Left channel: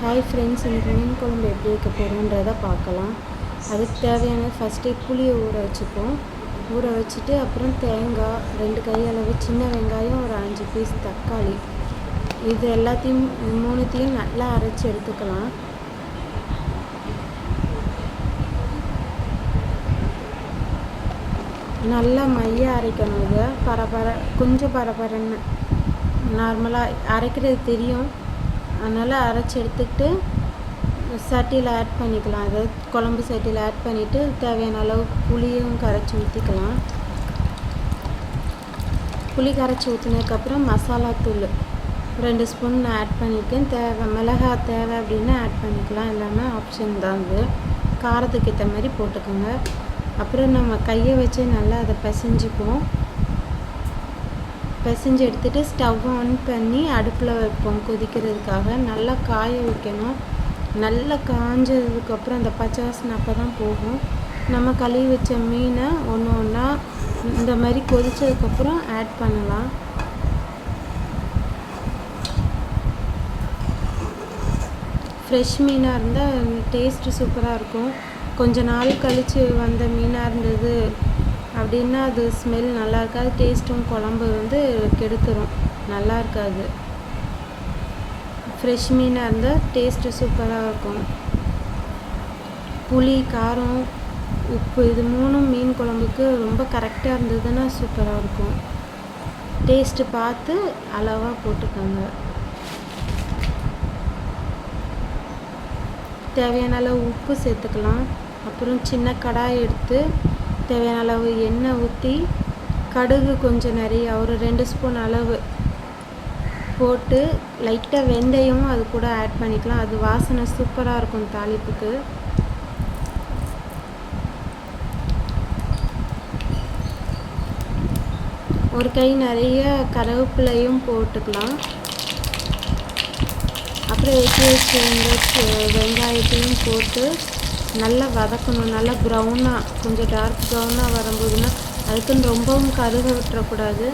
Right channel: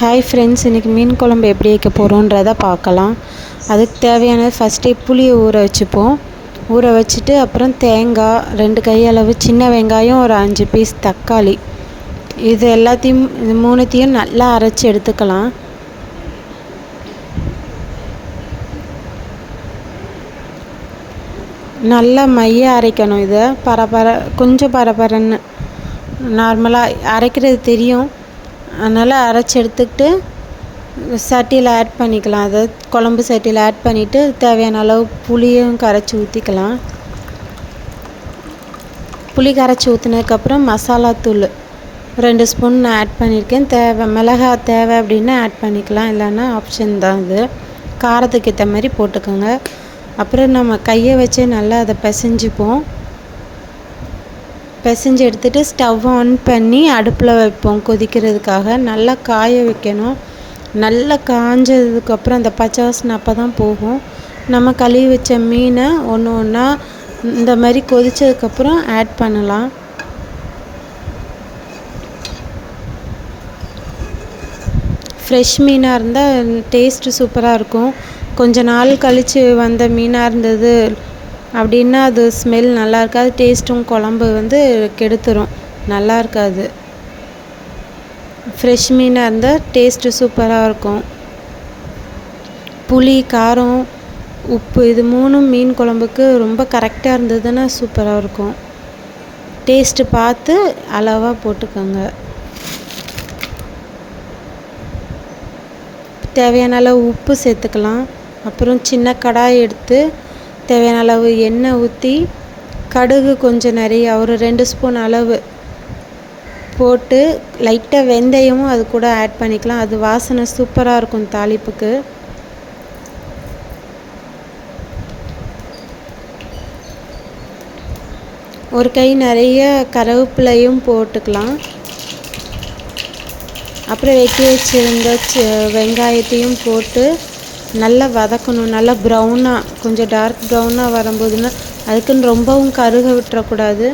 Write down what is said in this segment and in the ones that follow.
Hi friends, இன்றைக்கி மீன் குழம்பு எப்படி வைக்க போகிறோன்றதை பார்க்கலாம். அதுக்கு தேவையானது ஃபஸ்ட்டே புளியை ஊற வச்சுப்போம். ஊற வச்சுட்டு அப்புறம் தேங்காய் 2 கையளவு, சின்ன வெங்காயம் ஒரு 5 பீஸ் தக்காளி, இது எல்லாத்தையும் இது மூணுத்தையும் நல்லா அரைச்சி எடுத்துக்கலாம். நல்லா மைய அரைக்கணும். இதை கொஞ்சம் பரபரன்னு நார்மலாக அரைக்கிறது தெரியும், அதனால் அரைச்சி எடுத்துக்கிட்டு சட்டியில் ஆட் பண்ணிக்கலாம். அதை குழம்பு சட்டியில் ஆட் பண்ணிவிட்டு தேவையான அளவு புளியும் கரைச்சி ஊற்றிக்கலாம். புளி கரைச்சி ஊற்றினதுக்கப்புறம் மசாலாத்தூள் 2 ஸ்பூன் நான் ஆட் பண்ணியிருக்கேன். மிளகாய் தேவை அப்படின்னா ஆட் பண்ணிக்கலாம், இல்லைன்னா ஆப்ஷன் தான். இது காரத்துக்கு ஏற்ற மாதிரி போட்டுக்கோங்க. அப்புறம் நம்ம கையை வச்சு நல்லா அதை பிசைஞ்சிப்போம். பிசைஞ்சு எடுத்துகிட்டு ஸ்டவ் ஆன் பண்ணி அடுப்பில் வைப்போம் கொதிக்கிறதுக்காக. நல்லா காய வைக்கணும். நல்லா காஞ்சதுக்கப்புறம் அந்த பச்சை வாசனை அப்போ தான் போகும். நம்ம கழுவி வச்ச மீனை ஒன்று ஒன்றா இந்த மாதிரி கொதித்ததுக்கப்புறம் ஆட் பண்ணலாம். ஃப்ரெஷ் மீனாக இருந்தால் டேஸ்ட்டு சூப்பராக இருக்கும். கொஞ்ச நாள் கழித்து வந்த மீனாக இருந்தது அப்படின்னா அது ஸ்மெல் நல்லா இருக்காது, டேஸ்ட்டும் குழம்பு கெடுத்துரும், நல்லா இருக்காது. ஃப்ரெஷ் மீனாக இருந்தால் டேஸ்ட்டு சூப்பராக இருக்கும். புளி, காரம், உப்பு இது 3 மீன் குழம்புக்கு ரொம்ப கரெக்டாக இருந்ததுன்னா சூப்பராக இருக்கும். டேஸ்ட்டு பார்த்து அளவாக போட்டுக்கோங்க. தேவையான அளவு உப்பு சேர்த்துக்கலாம். அப்புறம் சின்ன கடாய் எடுத்து தேவையான அளவு எண்ணெய் ஊற்றி கடுகு கொஞ்சம் நிறைய ஒரு 2 ஸ்பூன் அளவு போட்டு லைட்டாக வெந்தயமும் அது கூட ஆட் பண்ணிக்கலாம். அது வாசனை சூப்பராக இருக்கும் தாளிப்புக்கு. ஒரு கை நிறைய கருவேப்பிலையும் போட்டுக்கலாம். அப்புறம் வெட்டி வச்சுருந்த வெங்காயத்தையும் போட்டு நல்லா வதக்கணும். நல்லா ப்ரௌனாக, கொஞ்சம் டார்க் ப்ரௌனாக வரும்போதுன்னா அதுக்குன்னு ரொம்பவும் கருக விட்டுறக்கூடாது.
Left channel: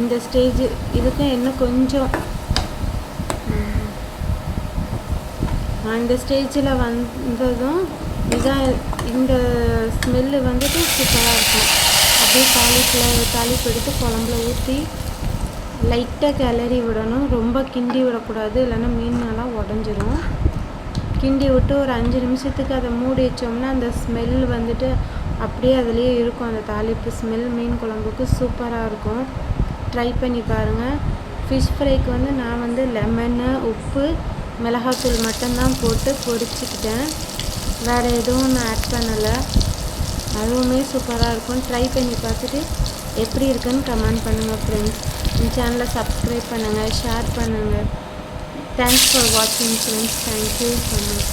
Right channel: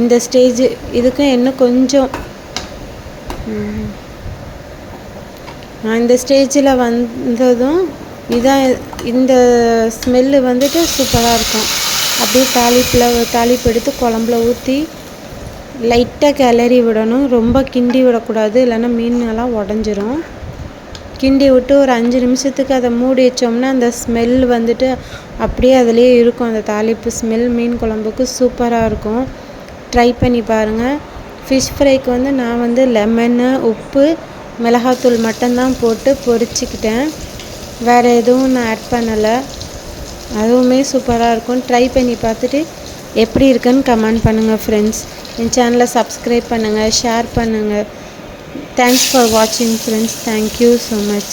இந்த ஸ்டேஜ் இதுக்கு இன்னும் கொஞ்சம் இந்த ஸ்டேஜில் வந்ததும் இதான் இந்த ஸ்மெல்லு சூப்பராக இருக்கும். அப்படியே தாளிப்பு எடுத்து குழம்புல ஊற்றி லைட்டாக கிளறி விடணும். ரொம்ப கிண்டி விடக்கூடாது, இல்லைன்னா மீனெல்லாம் உடஞ்சிரும். கிண்டி விட்டு ஒரு 5 நிமிஷத்துக்கு அதை மூடி வச்சோம்னா அந்த ஸ்மெல் அப்படியே அதிலே இருக்கும். அந்த தாளிப்பு ஸ்மெல் மீன் குழம்புக்கு சூப்பராக இருக்கும். ட்ரை பண்ணி பாருங்கள். ஃபிஷ் ஃப்ரைக்கு நான் லெமனு, உப்பு, மிளகாத்தூள் மட்டும்தான் போட்டு பொரிச்சிக்கிட்டேன். வேறு எதுவும் நான் ஆட் பண்ணலை. அதுவுமே சூப்பராக இருக்கும். ட்ரை பண்ணி பார்த்துட்டு எப்படி இருக்குன்னு கமெண்ட் பண்ணுங்கள் ஃப்ரெண்ட்ஸ். என் சேனலை சப்ஸ்கிரைப் பண்ணுங்கள், ஷேர் பண்ணுங்கள். Thanks for watching friends. Thank you so much.